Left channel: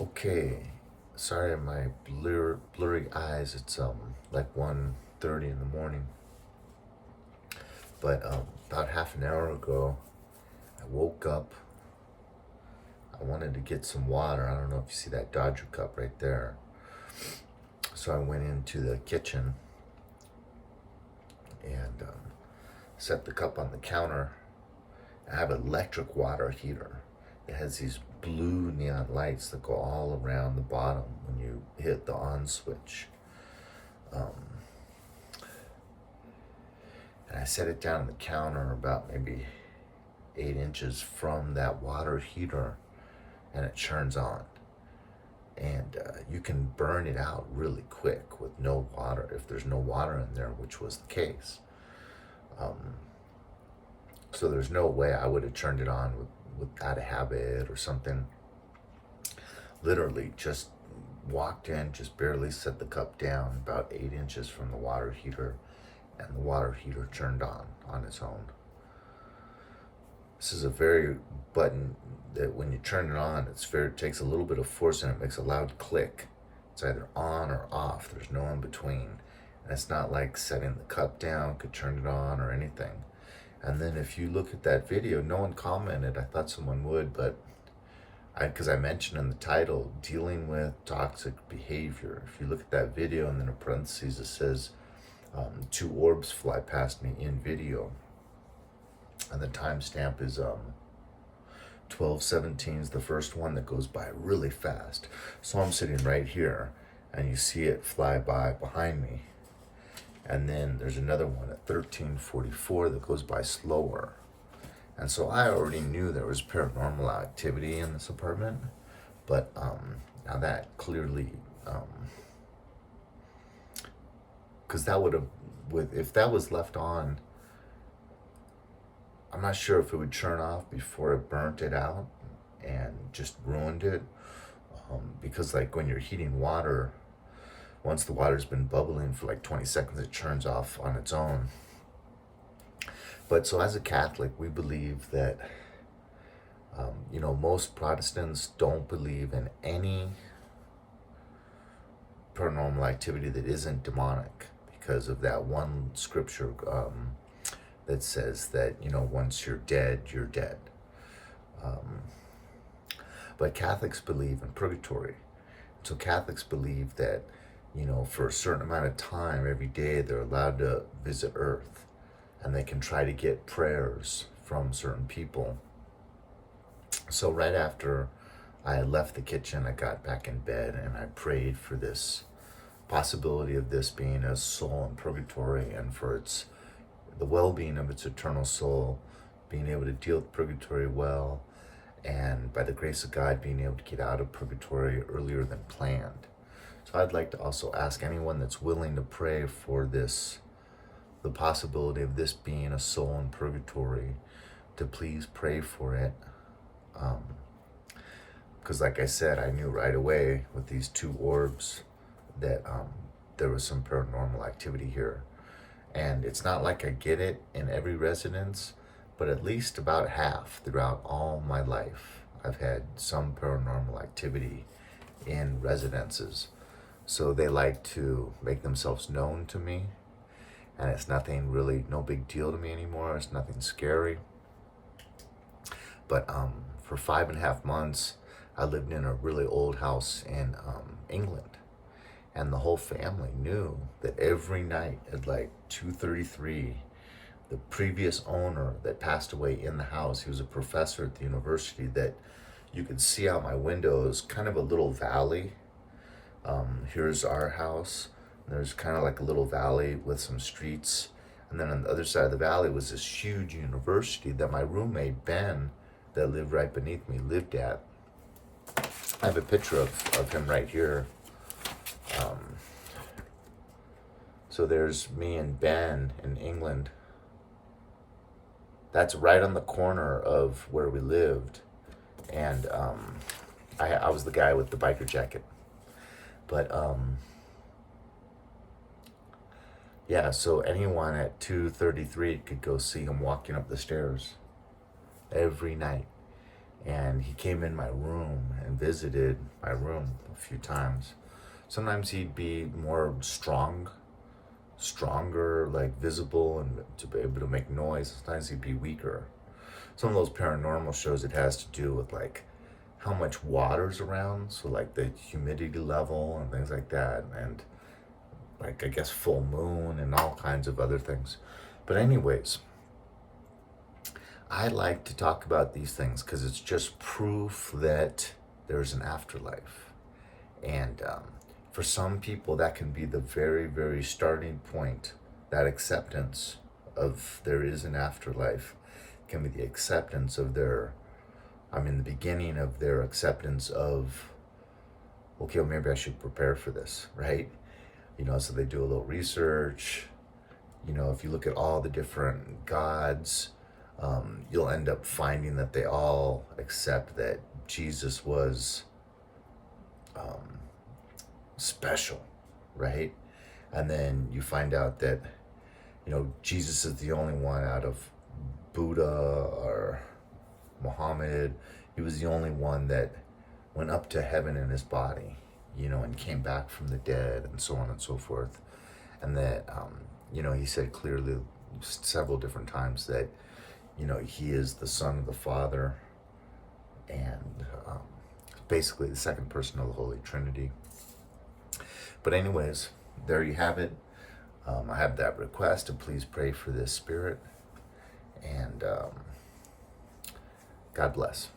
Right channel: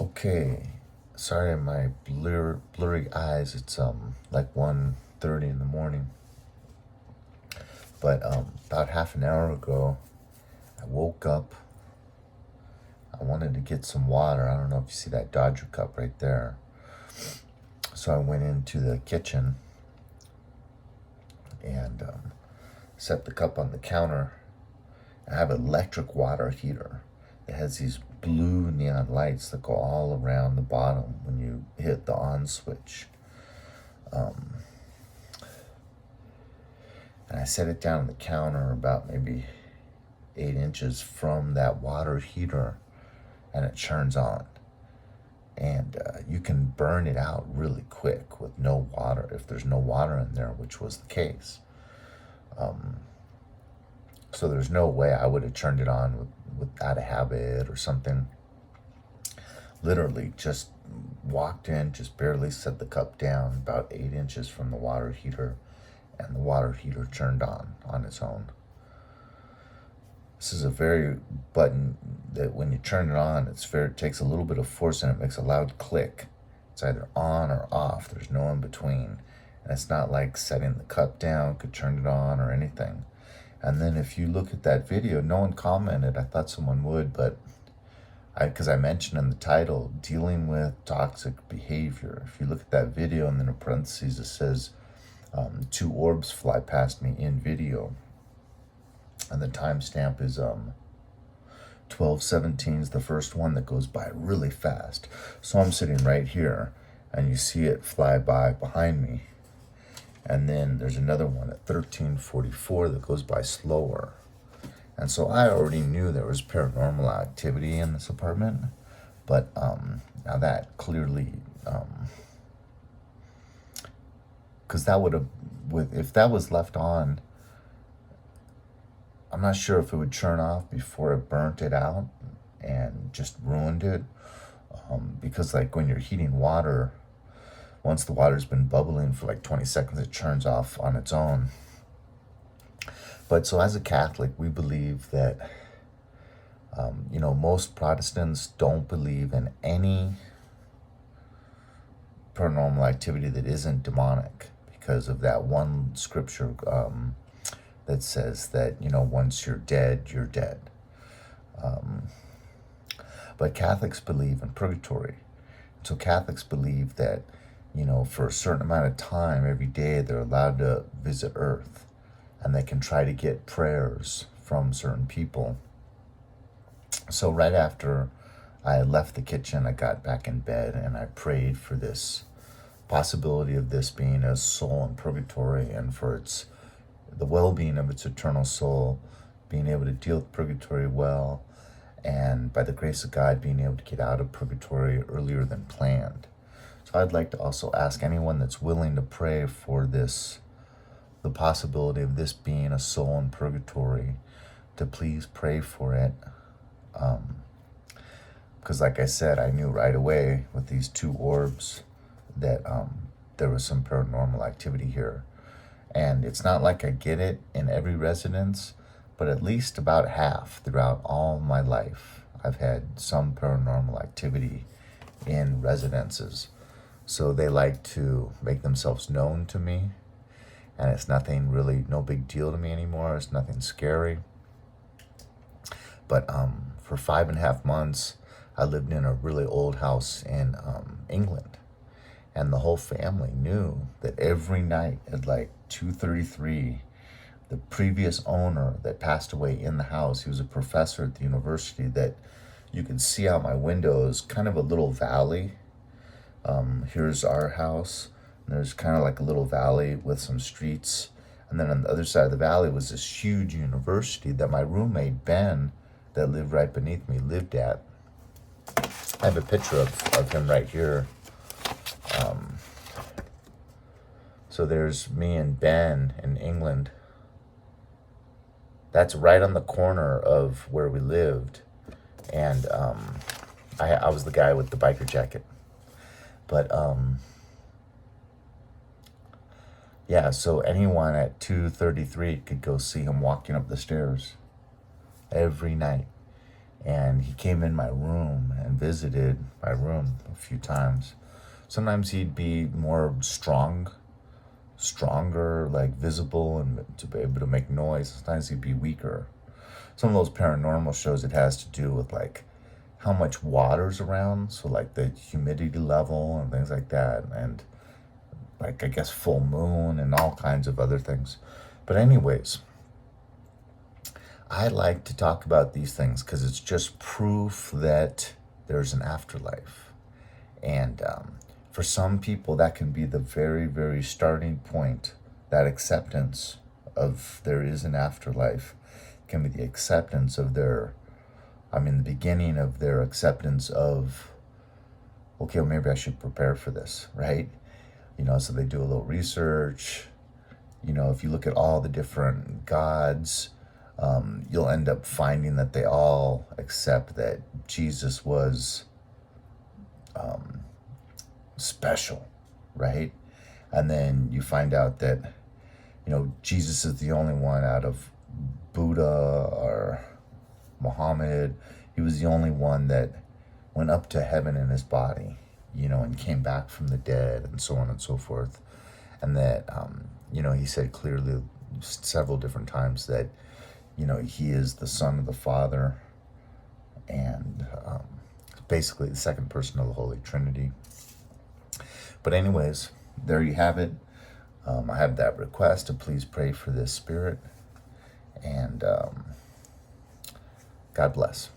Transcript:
Okay, sorry my blurry eyes. It's like 1:30 in the morning. But about half an hour ago, I woke up. I wanted to get some water. I don't know if you see that Dodger cup right there. So I went into the kitchen and set the cup on the counter. I have an electric water heater. It has these blue neon lights that go all around the bottom when you hit the on switch. And I set it down on the counter about maybe 8 inches from that water heater, and it turns on. And you can burn it out really quick with no water if there's no water in there, which was the case. So there's no way I would have turned it on without a habit or something. Literally just walked in, just barely set the cup down about 8 inches from the water heater, and the water heater turned on its own. This is a very button that when you turn it on, it takes a little bit of force and it makes a loud click. It's either on or off. There's no in between. And it's not like setting the cup down could turn it on or anything. And then if you look at that video, no one commented. I thought someone would, but because I mentioned in the title, dealing with toxic behavior. If you look at that video and then in parentheses it says, 2 orbs fly past me in video. And the timestamp is 12:17 is the first one that goes by really fast. So I'm sitting right here and you see it fly by behind me. And then there's another one at 13:44 that goes by slower. And so I already knew there was paranormal activity in this apartment, but now that clearly, because that would have, if that was left on, I'm not sure if it would turn off before it burnt it out and just ruined it. Because like when you're heating water, once the water's been bubbling for like 20 seconds, it turns off on its own. But so as a Catholic, we believe that, most Protestants don't believe in any paranormal activity that isn't demonic because of that one scripture that says that, once you're dead, you're dead. But Catholics believe in purgatory. So Catholics believe that, for a certain amount of time every day, they're allowed to visit Earth and they can try to get prayers from certain people. So right after I left the kitchen, I got back in bed and I prayed for this possibility of this being a soul in purgatory and for the well-being of its eternal soul, being able to deal with purgatory well, and by the grace of God, being able to get out of purgatory earlier than planned. So I'd like to also ask anyone that's willing to pray for this, the possibility of this being a soul in purgatory, to please pray for it. Because like I said, I knew right away with these 2 orbs that there was some paranormal activity here. And it's not like I get it in every residence, but at least about half throughout all my life, I've had some paranormal activity in residences. So they like to make themselves known to me, and it's nothing really, no big deal to me anymore. It's nothing scary. But for 5.5 months, I lived in a really old house in England. And the whole family knew that every night at like 2:33, the previous owner that passed away in the house, he was a professor at the university, that you could see out my windows, kind of a little valley. Here's our house. And there's kind of like a little valley with some streets. And then on the other side of the valley was this huge university that my roommate, Ben, that lived right beneath me, lived at. I have a picture of him right here. So there's me and Ben in England. That's right on the corner of where we lived. And I was the guy with the biker jacket. But yeah, so anyone at 2:33 could go see him walking up the stairs every night. And he came in my room, and and visited my room a few times. Sometimes he'd be more stronger, like visible and to be able to make noise. Sometimes he'd be weaker. Some of those paranormal shows, it has to do with like how much water's around, so like the humidity level and things like that, and like I guess full moon and all kinds of other things. But anyways, I like to talk about these things because it's just proof that there's an afterlife. And for some people, that can be the very, very starting point. That acceptance of there is an afterlife can be the acceptance of the beginning of their acceptance of, okay, well, maybe I should prepare for this, right? So they do a little research. If you look at all the different gods, you'll end up finding that they all accept that Jesus was special, right? And then you find out that, Jesus is the only one out of Buddha or Muhammad. He was the only one that went up to heaven in his body, and came back from the dead and so on and so forth. And that, he said clearly several different times that, he is the Son of the Father and basically the second person of the Holy Trinity. But anyways, there you have it. I have that request to please pray for this spirit. And God bless.